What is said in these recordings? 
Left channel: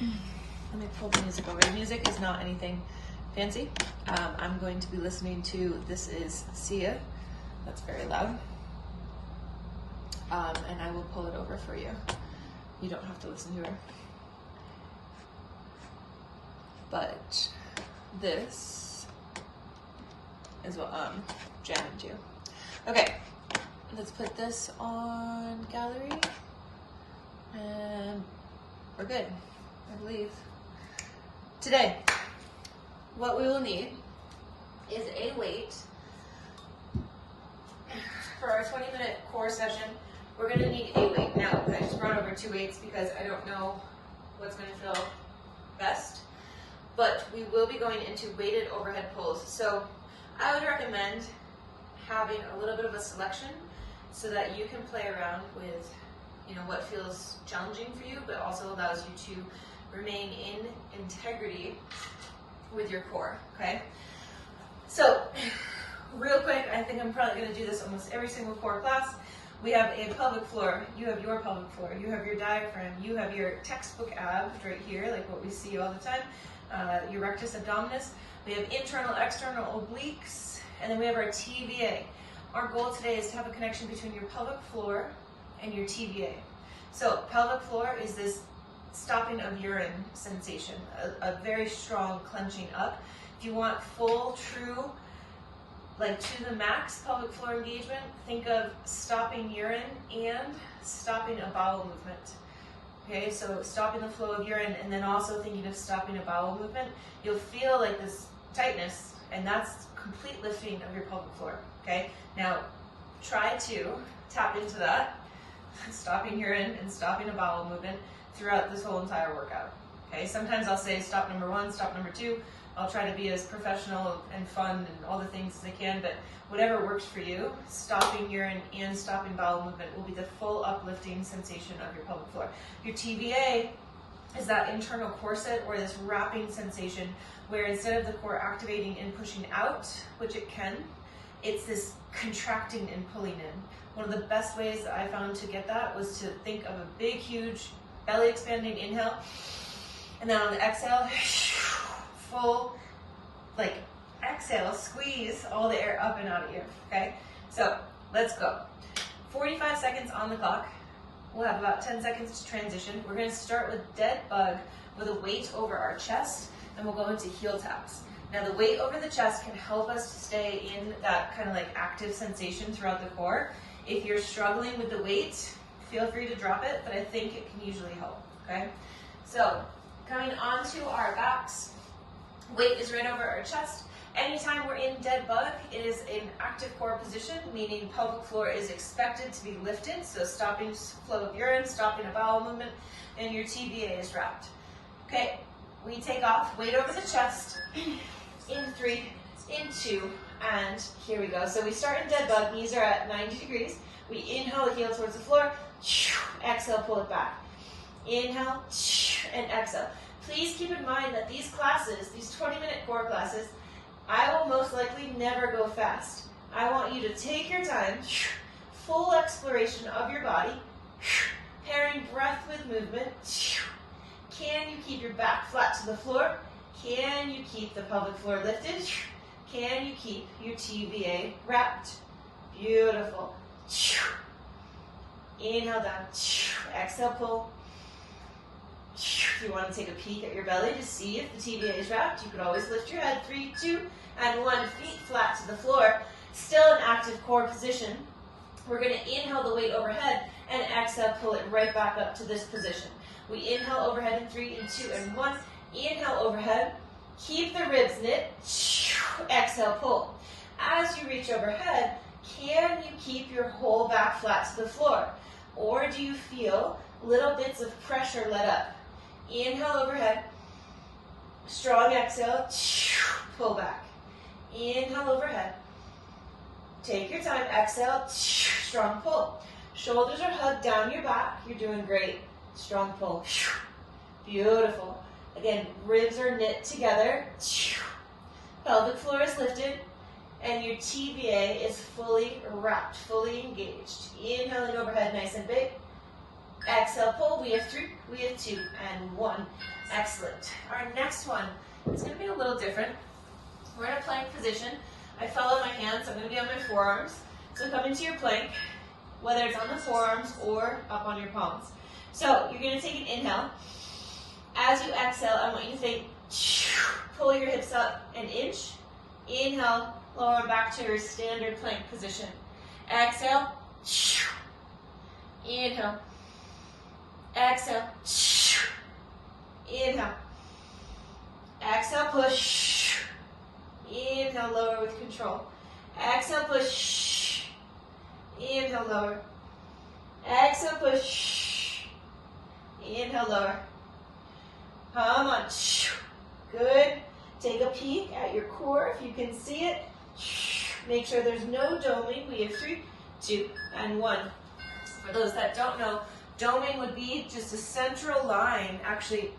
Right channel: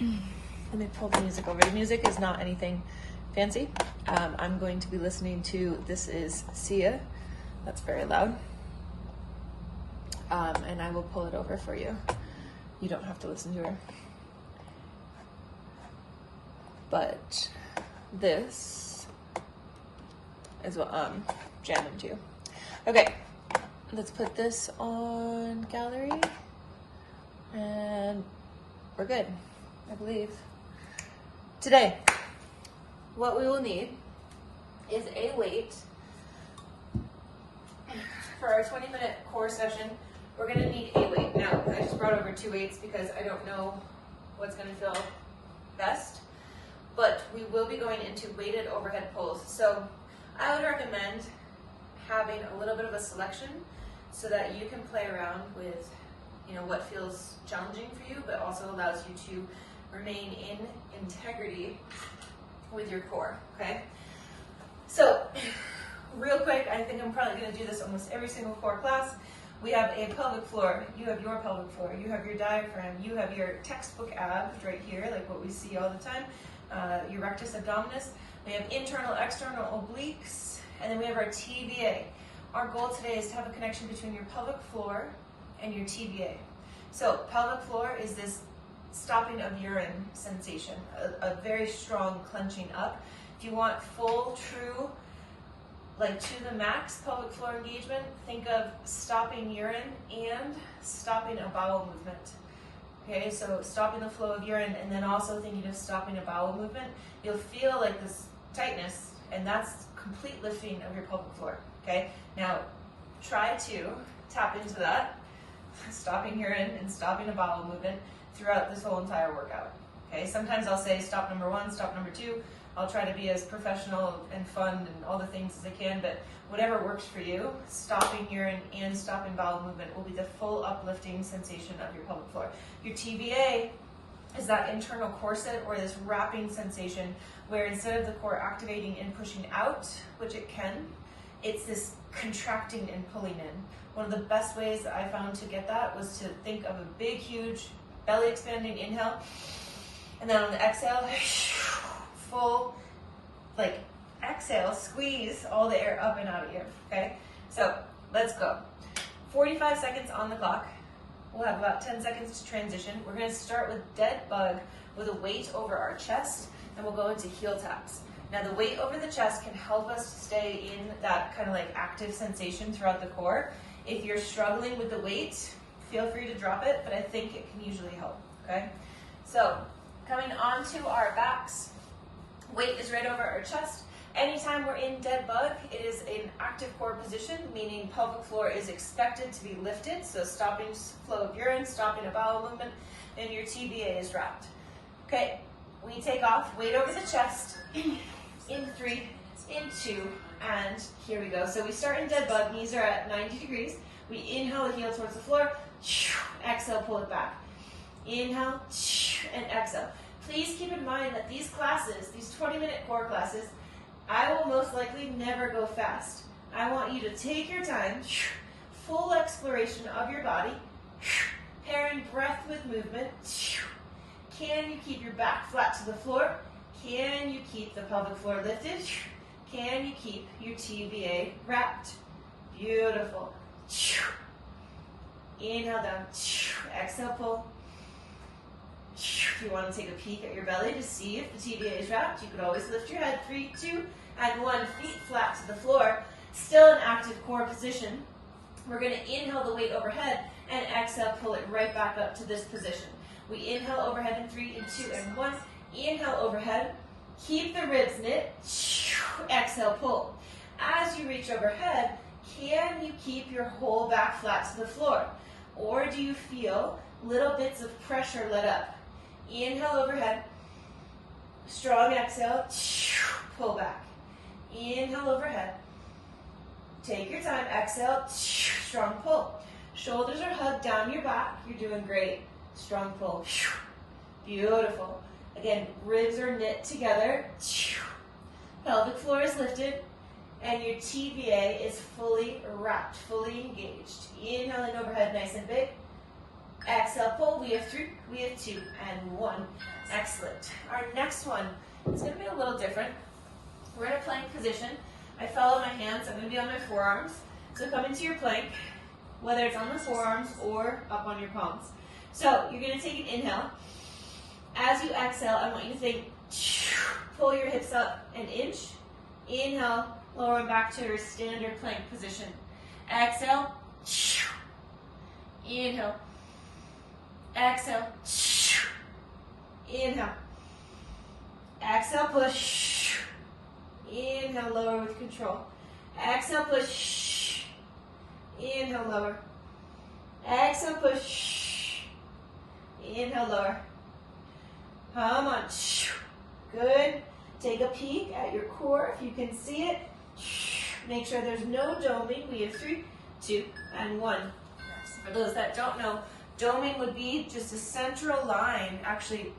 Let me pull the music over. The music is not anything fancy. I'm going to be listening to, this is Sia. That's very loud. And I will pull it over for you. You don't have to listen to her. But this is what I'm jamming to. Okay, let's put this on gallery. And we're good, I believe. Today, what we will need is a weight. For our 20-minute core session, we're gonna need a weight. Now, I just brought over 2 weights because I don't know what's gonna feel best, but we will be going into weighted overhead pulls. So I would recommend having a little bit of a selection so that you can play around with, you know, what feels challenging for you, but also allows you to remain in integrity with your core, okay? So, real quick, I think I'm probably gonna do this almost every single core class. We have a pelvic floor, you have your pelvic floor, you have your diaphragm, you have your textbook abs right here, like what we see all the time, your rectus abdominis. We have internal, external obliques, and then we have our TVA. Our goal today is to have a connection between your pelvic floor and your TVA. So pelvic floor is this stopping of urine sensation, a very strong clenching up. If you want full, true, like to the max pelvic floor engagement, think of stopping urine and stopping a bowel movement. Okay, so stopping the flow of urine and then also thinking of stopping a bowel movement. You'll feel like this tightness, and that's complete lifting of your pelvic floor. Okay, now try to tap into that, stopping urine and stopping a bowel movement throughout this whole entire workout. Okay, sometimes I'll say stop number 1, stop number 2. I'll try to be as professional and fun and all the things as I can, but whatever works for you, stopping urine and stopping bowel movement will be the full uplifting sensation of your pelvic floor. Your TVA is that internal corset or this wrapping sensation where instead of the core activating and pushing out, which it can, it's this contracting and pulling in. One of the best ways that I found to get that was to think of a big, huge belly expanding inhale, and then on the exhale, full, like exhale, squeeze all the air up and out of you, okay? So let's go. 45 seconds on the clock. We'll have about 10 seconds to transition. We're gonna start with dead bug with a weight over our chest, and we'll go into heel taps. Now the weight over the chest can help us to stay in that kind of like active sensation throughout the core. If you're struggling with the weight, feel free to drop it, but I think it can usually help, okay? So coming onto our backs, weight is right over our chest. Anytime we're in dead bug, it is an active core position, meaning pelvic floor is expected to be lifted, so stopping flow of urine, stopping a bowel movement, and your TVA is wrapped. Okay, we take off, weight over the chest, in 3, in 2, and here we go. So we start in dead bug, knees are at 90 degrees. We inhale the heel towards the floor, exhale, pull it back. Inhale, and exhale. Please keep in mind that these classes, these 20-minute core classes, I will most likely never go fast. I want you to take your time, full exploration of your body, pairing breath with movement. Can you keep your back flat to the floor? Can you keep the pelvic floor lifted? Can you keep your TVA wrapped? Beautiful. Inhale down, exhale, pull. If you want to take a peek at your belly to see if the TVA is wrapped, you could always lift your head. 3, 2, and 1. Feet flat to the floor. Still an active core position. We're going to inhale the weight overhead and exhale, pull it right back up to this position. We inhale overhead in 3, in 2, and 1. Inhale overhead. Keep the ribs knit. Exhale, pull. As you reach overhead, can you keep your whole back flat to the floor? Or do you feel little bits of pressure let up? Inhale overhead, strong exhale, pull back. Inhale overhead, take your time, exhale, strong pull. Shoulders are hugged down your back, you're doing great. Strong pull, beautiful. Again, ribs are knit together, pelvic floor is lifted, and your TVA is fully wrapped, fully engaged. Inhaling overhead nice and big. Exhale, pull. We have 3, we have 2, and 1. Excellent. Our next one is going to be a little different. We're in a plank position. I follow my hands. I'm going to be on my forearms. So come into your plank, whether it's on the forearms or up on your palms. So you're going to take an inhale. As you exhale, I want you to think, pull your hips up an inch. Inhale, lower back to your standard plank position. Exhale. Inhale. Exhale. Inhale. Exhale, push. Inhale, lower with control. Exhale, push. Inhale, lower. Exhale, push. Inhale, lower. Come on. Good. Take a peek at your core if you can see it. Make sure there's no doming. We have 3, 2, and 1. For those that don't know, doming would be just a central line, actually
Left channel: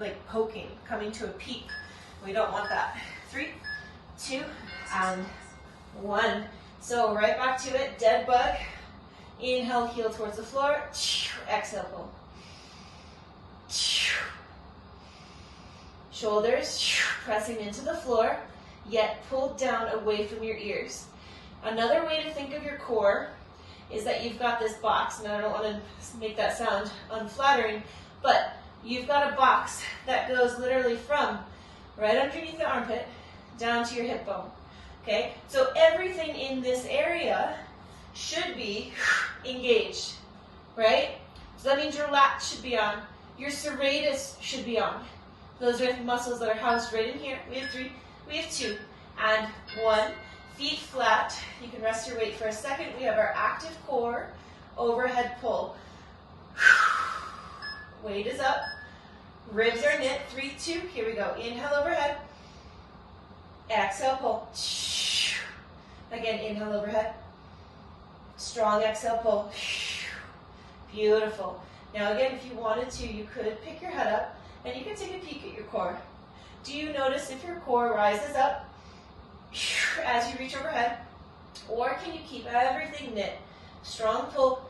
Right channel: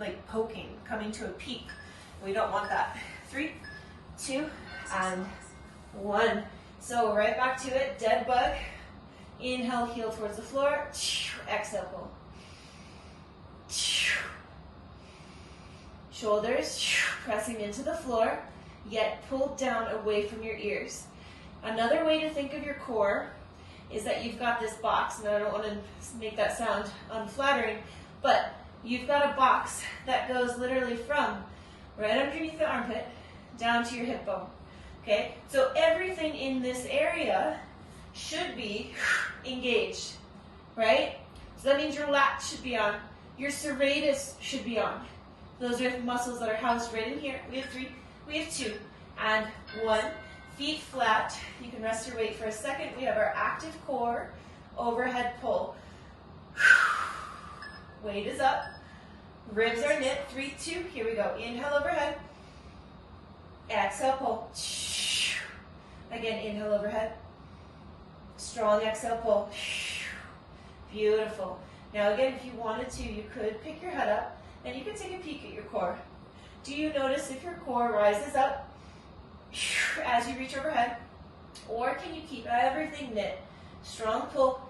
like poking, coming to a peak. We don't want that. 3, 2, and 1. So right back to it, dead bug. Inhale, heel towards the floor. Exhale, pull. Shoulders pressing into the floor, yet pulled down away from your ears. Another way to think of your core is that you've got this box, and I don't want to make that sound unflattering, but you've got a box that goes literally from right underneath the armpit down to your hip bone. Okay, so everything in this area should be engaged, right? So that means your lats should be on, your serratus should be on. Those are muscles that are housed right in here. We have 3, we have 2, and 1. Feet flat. You can rest your weight for a second. We have our active core, overhead pull. Weight is up. Ribs are knit. 3, 2. Here we go. Inhale overhead. Exhale pull. Again, inhale overhead. Strong exhale pull. Beautiful. Now again, if you wanted to, you could pick your head up and you can take a peek at your core. Do you notice if your core rises up as you reach overhead? Or can you keep everything knit? Strong pull.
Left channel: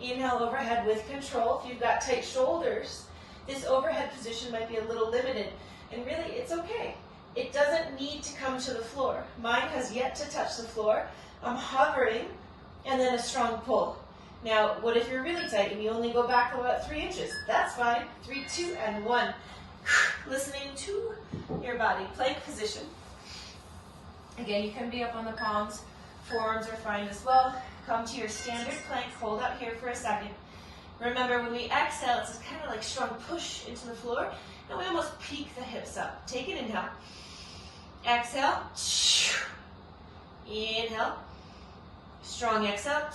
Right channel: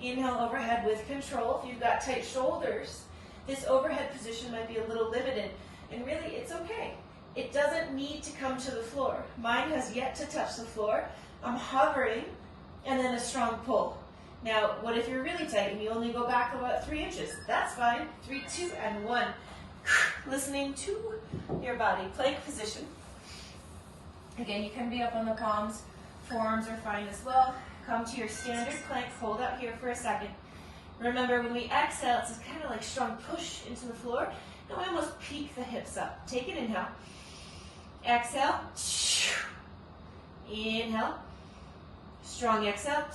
Inhale overhead with control. If you've got tight shoulders, this overhead position might be a little limited. And really, it's okay. It doesn't need to come to the floor. Mine has yet to touch the floor. I'm hovering, and then a strong pull. Now, what if you're really tight and you only go back about 3 inches? That's fine. 3, 2, and 1. Listening to your body. Plank position. Again, you can be up on the palms. Forearms are fine as well. Come to your standard plank. Hold out here for a second. Remember, when we exhale, it's kind of like strong push into the floor. And we almost peek the hips up. Take an inhale. Exhale. Inhale. Strong exhale.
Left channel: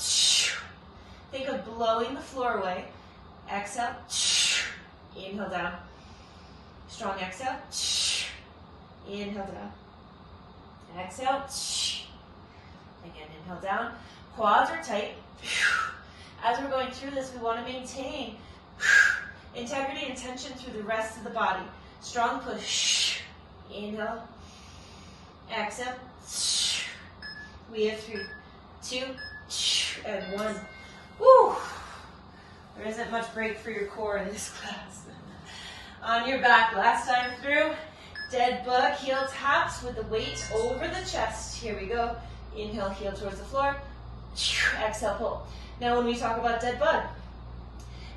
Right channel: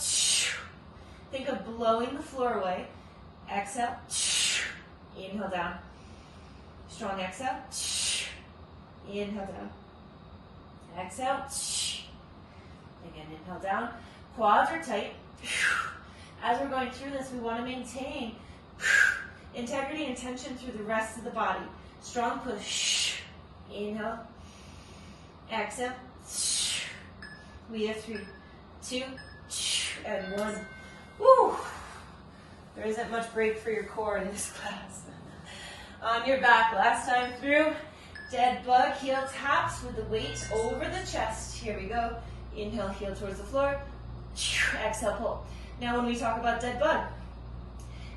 Think of blowing the floor away. Exhale. Inhale down. Strong exhale. Inhale down. Exhale. Again, inhale down. Quads are tight. As we're going through this, we want to maintain integrity and tension through the rest of the body. Strong push. Inhale. Exhale. We have 3, 2, and 1. Woo! There isn't much break for your core in this class. On your back, last time through, dead bug, heel taps with the weight over the chest. Here we go. Inhale, heel towards the floor. Exhale, pull. Now when we talk about dead bug,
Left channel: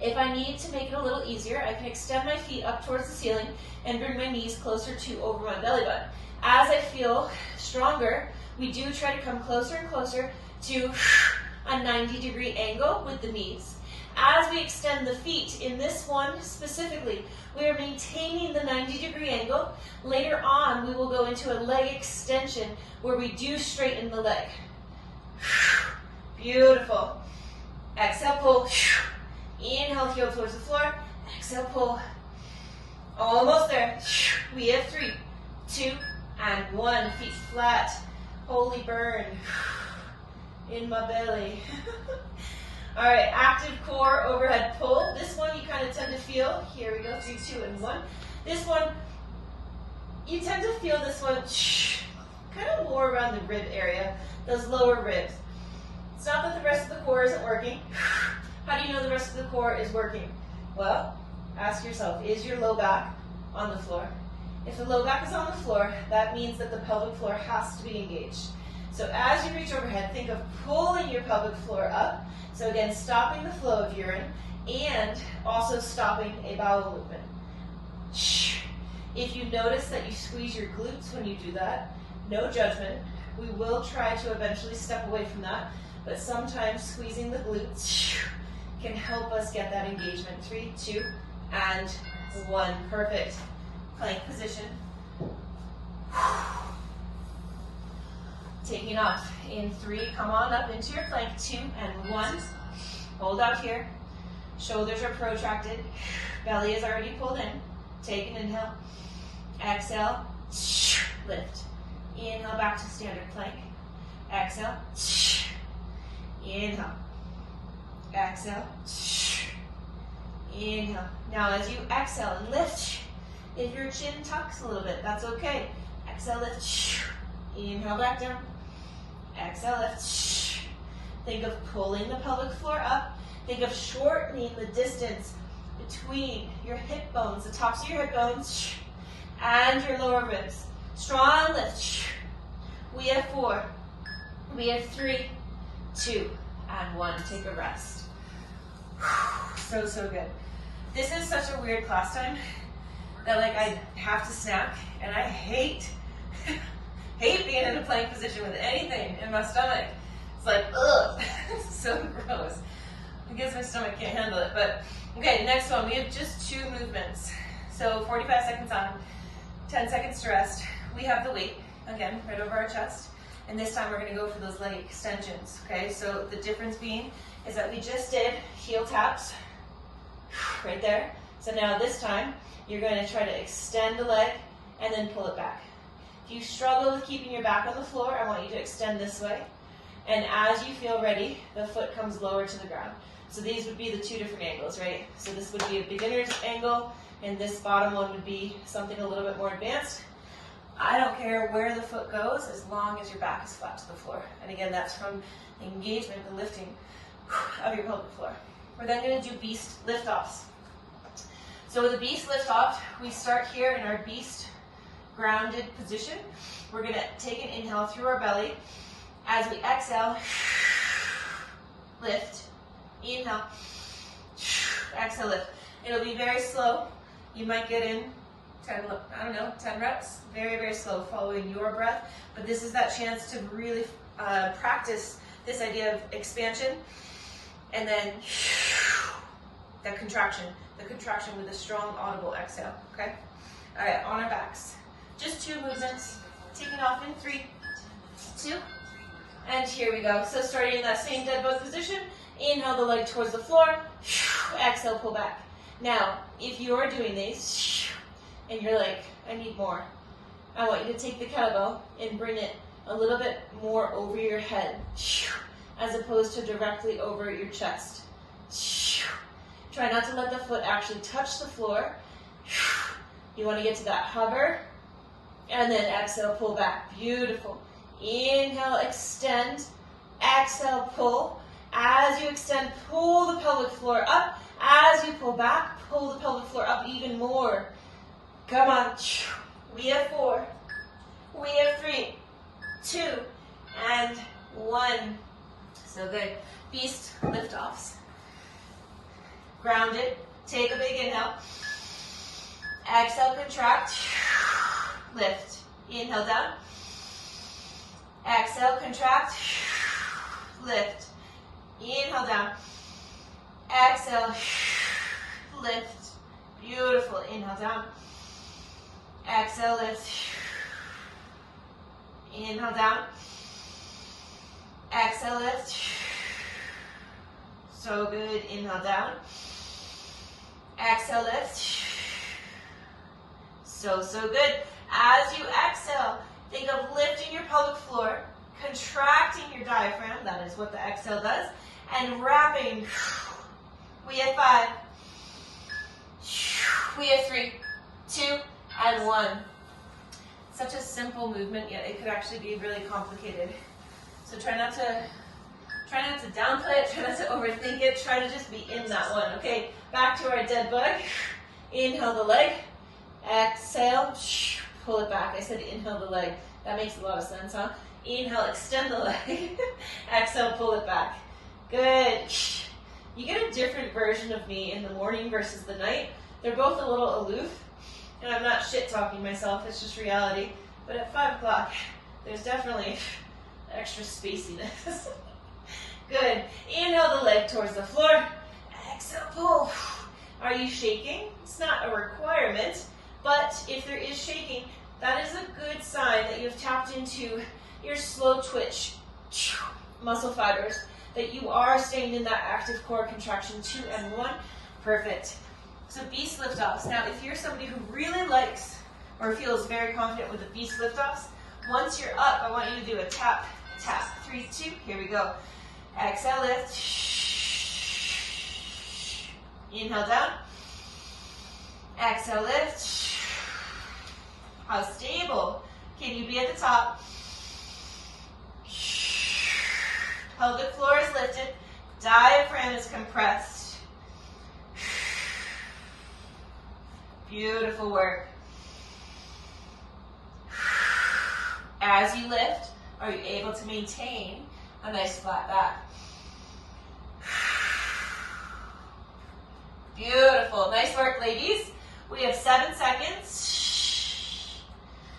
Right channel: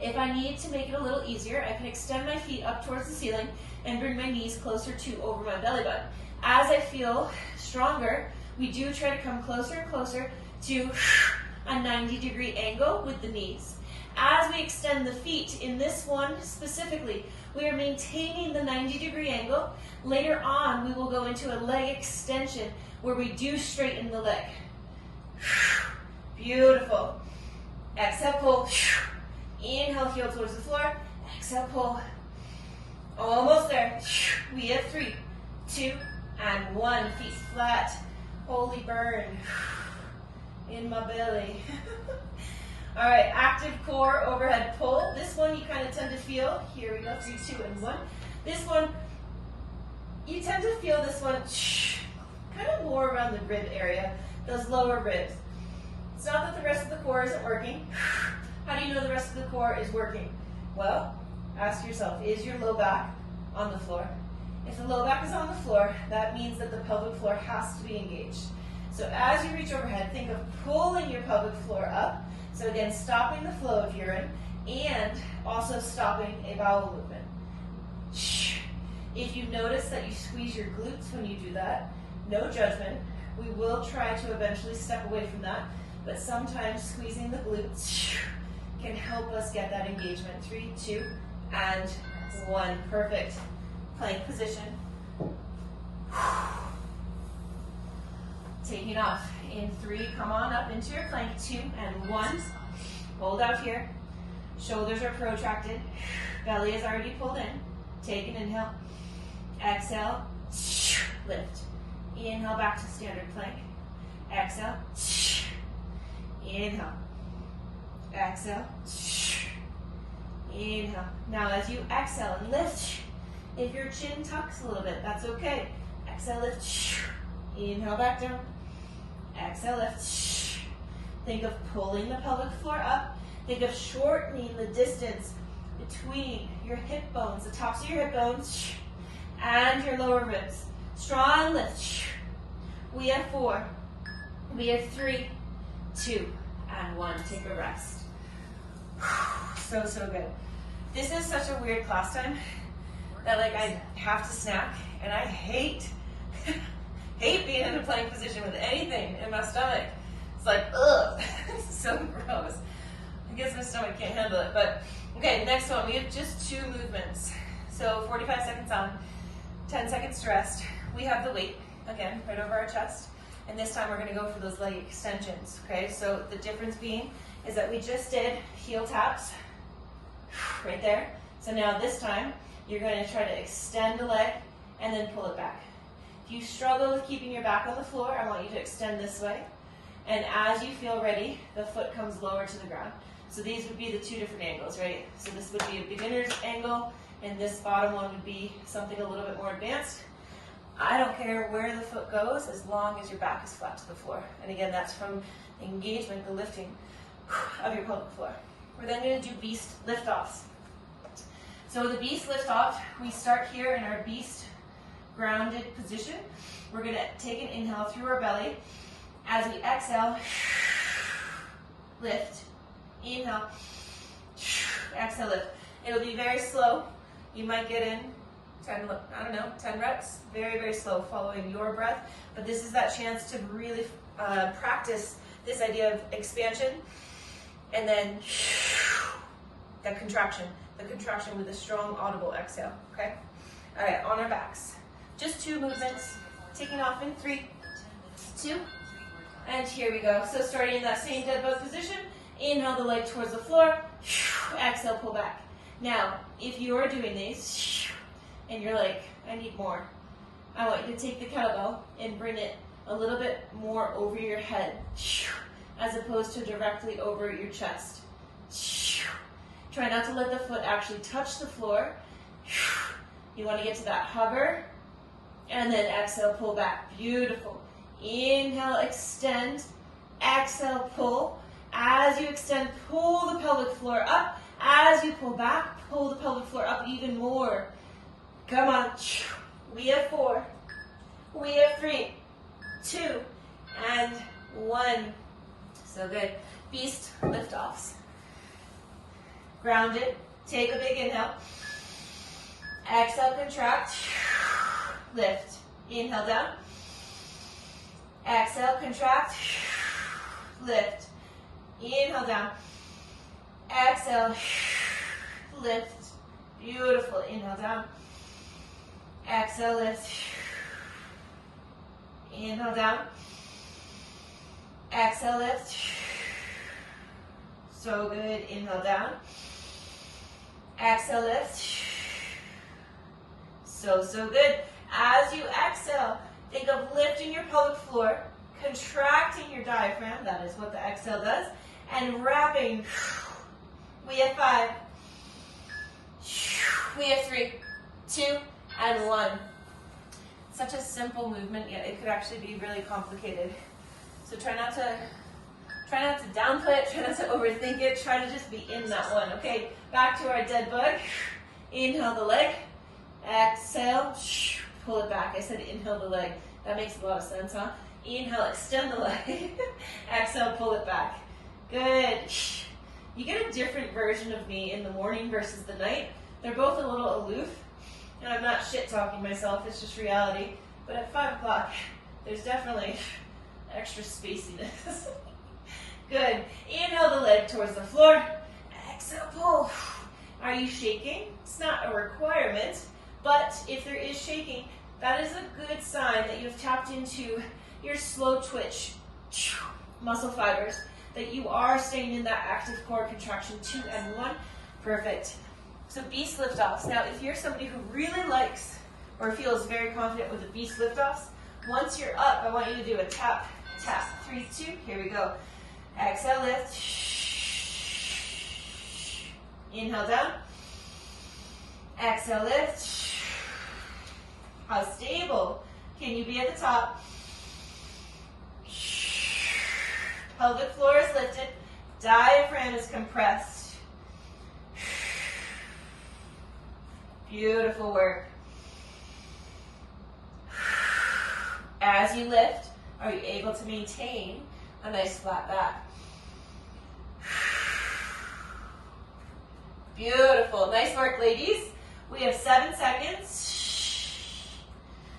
if I need to make it a little easier, I can extend my feet up towards the ceiling and bring my knees closer to over my belly button. As I feel stronger, we do try to come closer and closer to a 90-degree angle with the knees. As we extend the feet, in this one specifically, we are maintaining the 90-degree angle. Later on, we will go into a leg extension where we do straighten the leg. Beautiful. Exhale, pull. Inhale, heel towards the floor. Exhale, pull. Almost there. We have 3, 2, and 1. Feet flat. Holy burn. In my belly. All right, active core, overhead pull. This one you kind of tend to feel. Here we go, 3, 2, and 1. This one, you tend to feel this one kind of more around the rib area, those lower ribs. It's not that the rest of the core isn't working. How do you know the rest of the core is working? Well, ask yourself, is your low back on the floor? If the low back is on the floor, that means that the pelvic floor has to be engaged. So as you reach overhead, think of pulling your pelvic floor up. So again, stopping the flow of urine and also stopping a bowel movement. If you notice that you squeeze your glutes when you do that, no judgment. We will try to eventually step away from that, but sometimes squeezing the glutes can help us get that engagement. 3, 2, and 1. Perfect. Plank position. Taking off in 3, come on up into your plank. 2 and 1. Hold out here. Shoulders are protracted. Belly is already pulled in. Take an inhale. Exhale. Lift. Inhale back to standard plank. Exhale. Inhale. Exhale. Inhale. Now as you exhale and lift, if your chin tucks a little bit, that's okay. Exhale, lift. Inhale back down. Exhale, lift. Think of pulling the pelvic floor up. Think of shortening the distance between your hip bones, the tops of your hip bones, and your lower ribs. Strong lift. We have 4. We have 3, 2, and 1. Take a rest. So, so good. This is such a weird class time that like I have to snack, and I hate being in a plank position with anything in my stomach. It's like, ugh, it's so gross. I guess my stomach can't handle it, but okay, next one, we have just 2 movements. So 45 seconds on, 10 seconds to rest. We have the weight, again, right over our chest, and this time we're gonna go for those leg extensions, okay? So the difference being is that we just did heel taps, right there. So now this time, you're going to try to extend the leg and then pull it back. If you struggle with keeping your back on the floor, I want you to extend this way. And as you feel ready, the foot comes lower to the ground. So these would be the 2 different angles, right? So this would be a beginner's angle, and this bottom one would be something a little bit more advanced. I don't care where the foot goes as long as your back is flat to the floor. And again, that's from engagement, the lifting of your pelvic floor. We're then going to do beast lift-offs. So with a beast lift-off, we start here in our beast grounded position. We're going to take an inhale through our belly. As we exhale, lift, inhale, exhale, lift. It'll be very slow. You might get in 10 reps, very, very slow, following your breath. But this is that chance to really practice this idea of expansion and then the contraction with a strong audible exhale, okay? All right, on our backs. Just 2 movements, taking off in 3, 2, and here we go. So starting in that same dead bug position, inhale the leg towards the floor, exhale, pull back. Now, if you're doing these, and you're like, I need more, I want you to take the kettlebell and bring it a little bit more over your head, as opposed to directly over your chest. Try not to let the foot actually touch the floor. You want to get to that hover, and then exhale, pull back. Beautiful. Inhale, extend. Exhale, pull. As you extend, pull the pelvic floor up. As you pull back, pull the pelvic floor up even more. Come on. We have 4. We have 3, 2, and 1. So good. Beast lift-offs. Grounded. Take a big inhale. Exhale, contract. Lift. Inhale down. Exhale, contract. Lift. Inhale down. Exhale. Lift. Beautiful. Inhale down. Exhale, lift. Inhale down. Exhale, lift. So good. Inhale down. Exhale, lift. So, so good. As you exhale, think of lifting your pelvic floor, contracting your diaphragm, that is what the exhale does, and wrapping. We have 5. We have 3, 2, and 1. Such a simple movement, yet it could actually be really complicated. So try not to downplay it, try not to overthink it, try to just be in that one. Okay, back to our dead bug. Inhale the leg. Exhale, pull it back. I said inhale the leg. That makes a lot of sense, huh? Inhale, extend the leg. Exhale, pull it back. Good. You get a different version of me in the morning versus the night. They're both a little aloof, and I'm not shit-talking myself, it's just reality. But at 5 o'clock, there's definitely extra spaciness. Good. Inhale the leg towards the floor. Exhale, pull. Are you shaking? It's not a requirement, but if there is shaking, that is a good sign that you've tapped into your slow twitch muscle fibers, that you are staying in that active core contraction 2 and 1. Perfect. So beast lift-offs. Now, if you're somebody who really likes or feels very confident with the beast lift-offs, once you're up, I want you to do a tap, tap. 3, 2, here we go. Exhale, lift. Inhale down. Exhale, lift. How stable can you be at the top? Pelvic floor is lifted. Diaphragm is compressed. Beautiful work. As you lift, are you able to maintain a nice flat back? Beautiful. Nice work, ladies. We have 7 seconds.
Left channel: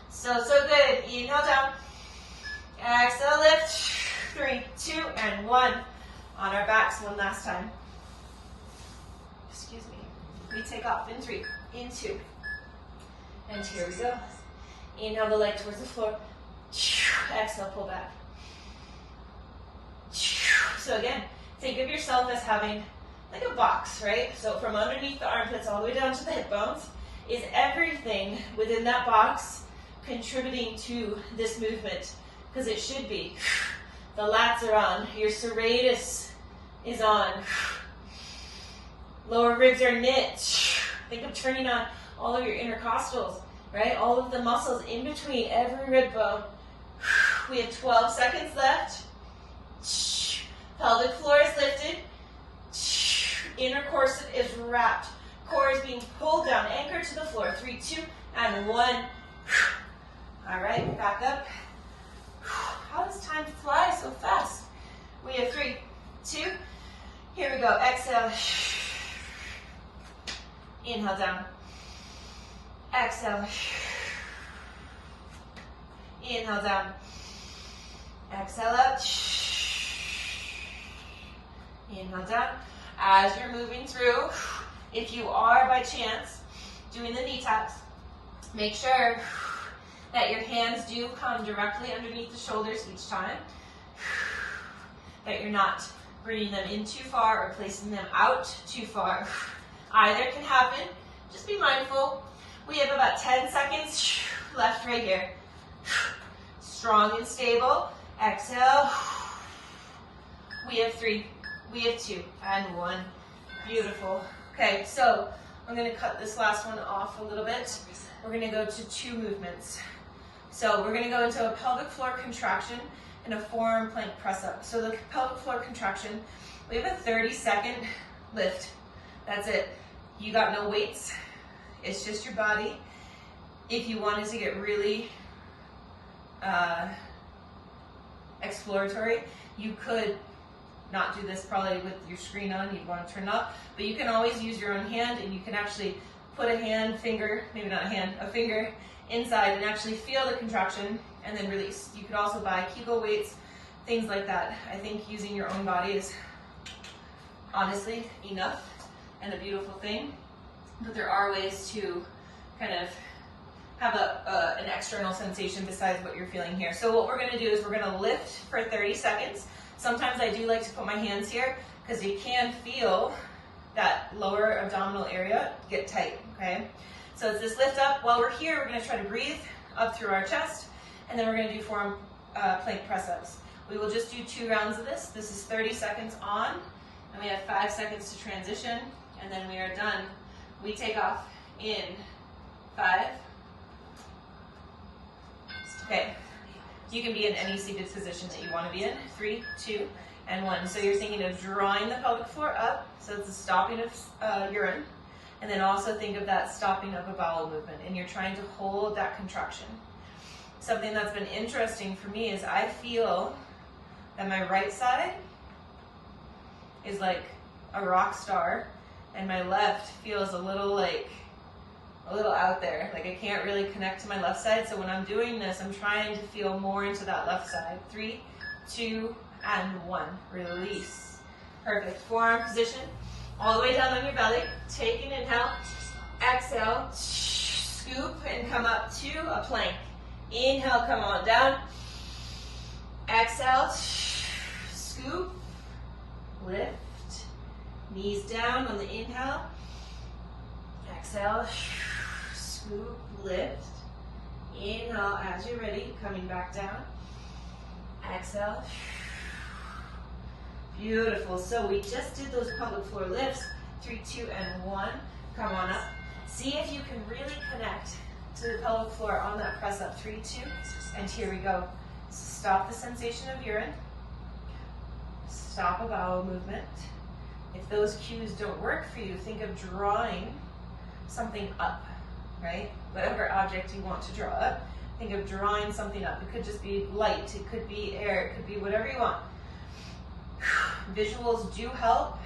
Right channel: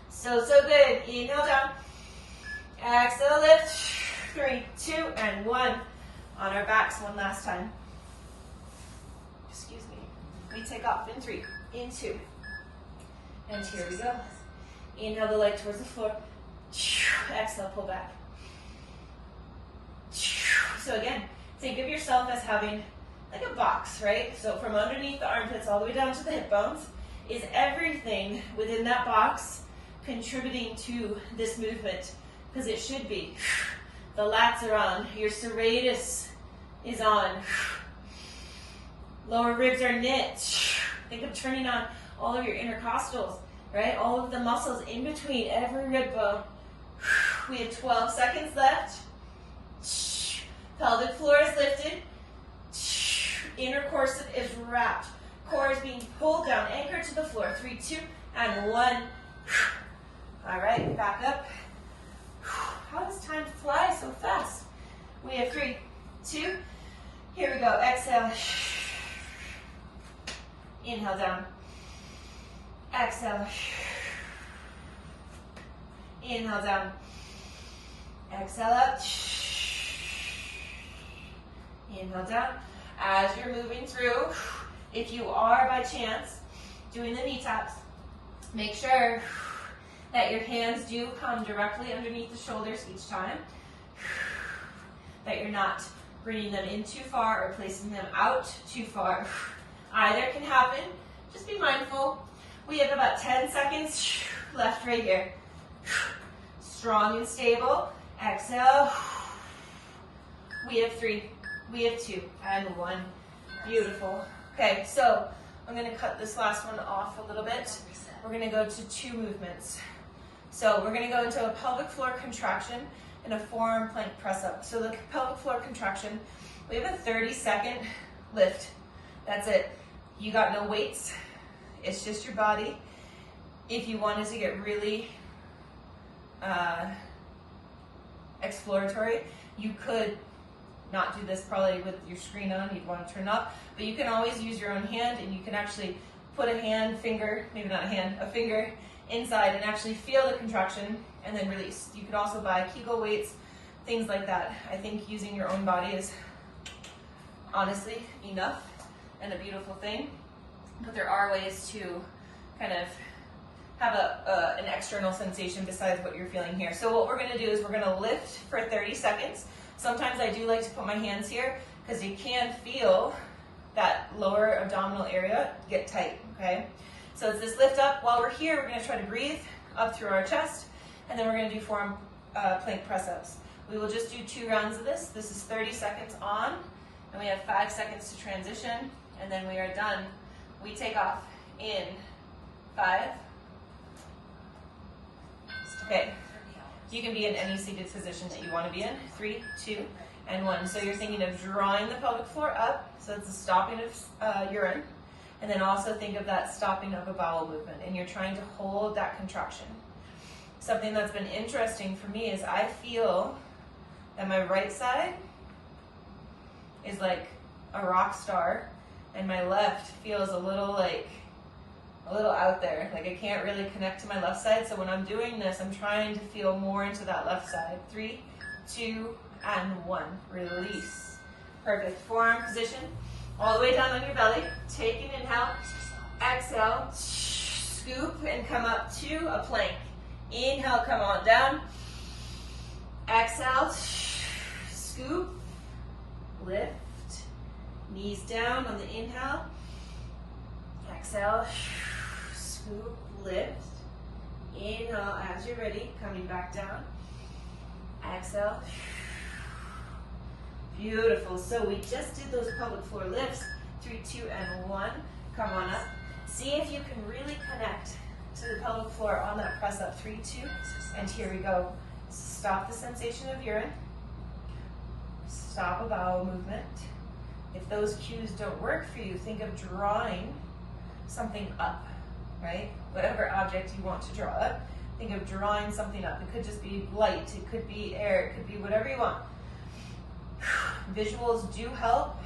So good. Inhale down. Exhale, lift. 3, 2, and 1. On our backs one last time. Excuse me. We take off in 3, in 2. And here we go. Inhale the leg towards the floor. Exhale, pull back. So again, think of yourself as having like a box, right? So from underneath the armpits all the way down to the hip bones is everything within that box contributing to this movement, because it should be. The lats are on, your serratus is on, lower ribs are knit. Think of turning on all of your intercostals, right? All of the muscles in between every rib bone. We have 12 seconds left. Pelvic floor is lifted. Inner corset is wrapped. Core is being pulled down, anchored to the floor. 3, 2, and 1. All right, back up. How does time fly so fast? We have 3, 2. Here we go. Exhale. Inhale down. Exhale. Inhale down. Exhale up. Inhale down. As you're moving through, if you are by chance doing the knee taps, make sure that your hands do come directly underneath the shoulders each time, that you're not bringing them in too far or placing them out too far. Either can happen. Just be mindful. We have about 10 seconds left right here. Strong and stable. Exhale. We have 3. We have 2 and 1. Beautiful. Okay, so I'm going to cut this last one off a little bit. We're going to go to 2 movements. So we're going to go into a pelvic floor contraction and a forearm plank press up. So the pelvic floor contraction, we have a 30-second lift. That's it. You got no weights. It's just your body. If you wanted to get really exploratory, you could not do this probably with your screen on, you'd want to turn up, but you can always use your own hand, and you can actually put a hand, finger, maybe not a hand, a finger inside and actually feel the contraction and then release. You could also buy Kegel weights, things like that. I think using your own body is honestly enough and a beautiful thing, but there are ways to kind of have an external sensation besides what you're feeling here. So what we're going to do is we're going to lift for 30 seconds. Sometimes I do like to put my hands here because you can feel that lower abdominal area get tight, okay? So it's this lift up. While we're here, we're going to try to breathe up through our chest, and then we're going to do forearm plank press-ups. We will just do 2 rounds of this. This is 30 seconds on, and we have 5 seconds to transition, and then we are done. We take off in 5. Okay. You can be in any seated position that you want to be in. 3, 2, and 1. So you're thinking of drawing the pelvic floor up, so it's the stopping of urine, And then also think of that stopping of a bowel movement, and you're trying to hold that contraction. Something that's been interesting for me is I feel that my right side is like a rock star, and my left feels a little out there. Like I can't really connect to my left side. So when I'm doing this, I'm trying to feel more into that left side. 3, 2, and 1. Release. Perfect. Forearm position. All the way down on your belly. Take an inhale. Exhale. Scoop and come up to a plank. Inhale, come on down. Exhale. Scoop. Lift. Knees down on the inhale. Exhale. Scoop. Lift. Inhale as you're ready. Coming back down. Exhale. Beautiful. So we just did those pelvic floor lifts. 3, 2, and 1. Come on up. See if you can really connect to the pelvic floor on that press up. 3, 2, and here we go. Stop the sensation of urine. Stop a bowel movement. If those cues don't work for you, think of drawing something up, right? Whatever object you want to draw up, think of drawing something up. It could just be light, it could be air, it could be whatever you want. Visuals do help.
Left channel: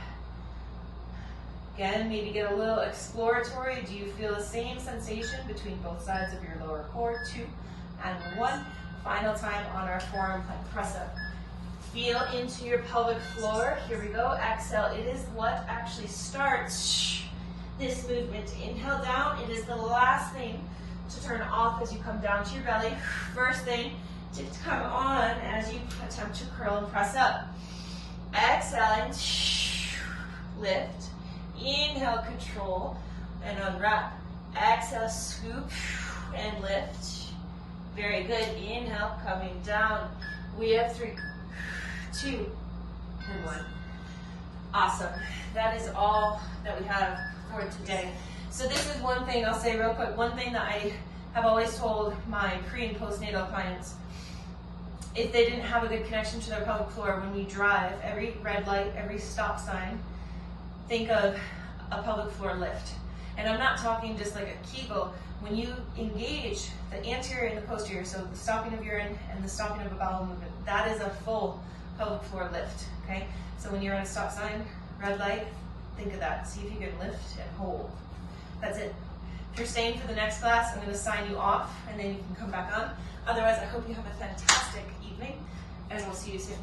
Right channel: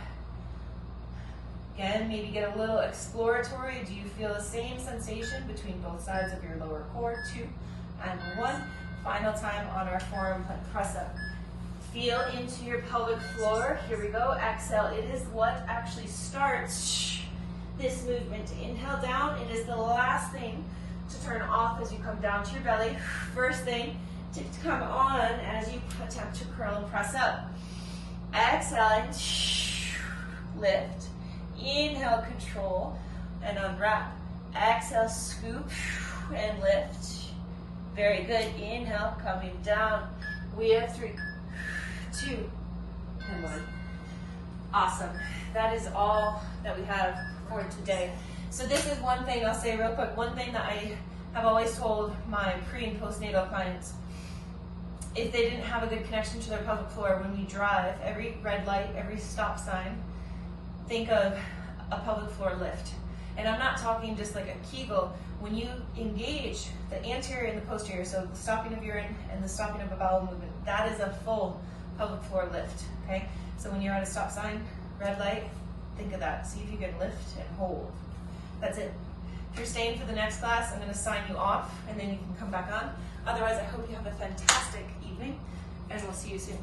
Again, maybe get a little exploratory. Do you feel the same sensation between both sides of your lower core? 2 and 1. Final time on our forearm plank press up. Feel into your pelvic floor. Here we go. Exhale. It is what actually starts this movement. Inhale down. It is the last thing to turn off as you come down to your belly. First thing to come on as you attempt to curl and press up. Exhaling. Lift. Inhale, control and unwrap. Exhale, scoop and lift. Very good. Inhale, coming down. We have 3, 2, and 1. Awesome. That is all that we have for today. So this is one thing I'll say real quick. One thing that I have always told my pre and postnatal clients, if they didn't have a good connection to their pelvic floor, when we drive, every red light, every stop sign, think of a pelvic floor lift. And I'm not talking just like a Kegel. When you engage the anterior and the posterior, so the stopping of urine and the stopping of a bowel movement, that is a full pelvic floor lift, okay? So when you're at a stop sign, red light, think of that. See if you can lift and hold. That's it. If you're staying for the next class, I'm going to sign you off, and then you can come back on. Otherwise, I hope you have a fantastic evening, and we'll see you soon.